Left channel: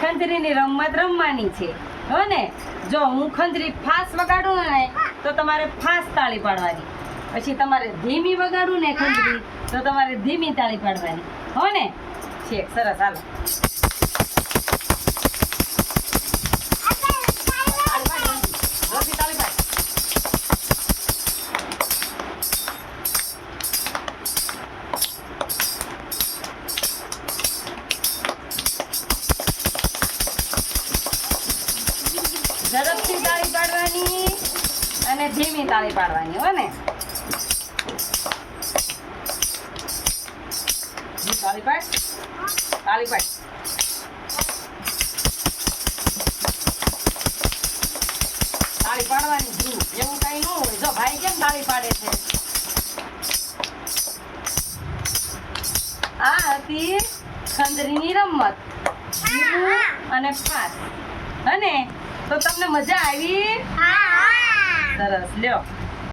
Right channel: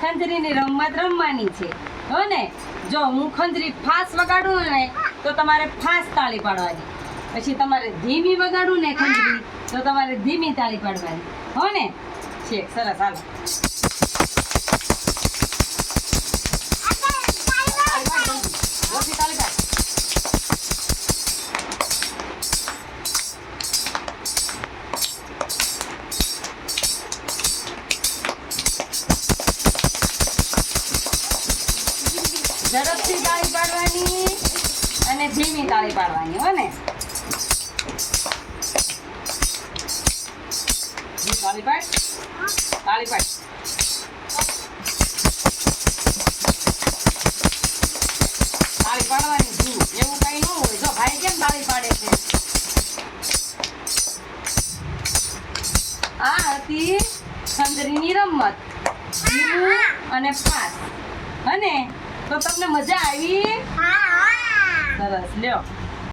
ખંજરીની રમત રમવાની છે હો ને. જો હું ખંજરી ફાસ વગાડું ને તો તમારે ફાસ તાળી પાડવાની, પછી તમારે ધીમી વગાડું ને ખંજરી તો તમારે ધીમી તાળી પાડવાની હો ને. છે સરસ, હાલો. ઝડપથી તાળી પાડવાની અને ધીમી તાળી પાડવાની હો ને. તાળી પાડ, તાળી પાડ. તાળી પાડવાની ધીમી, એવું કઈ ન હોય. જો ભાઈ કેમ તાળી પાડે છે? આ હતી ખંજરીની રમત, ધીમું અને ફાસ. અને તો તમને મજા આવી? સરસ, લ્યો.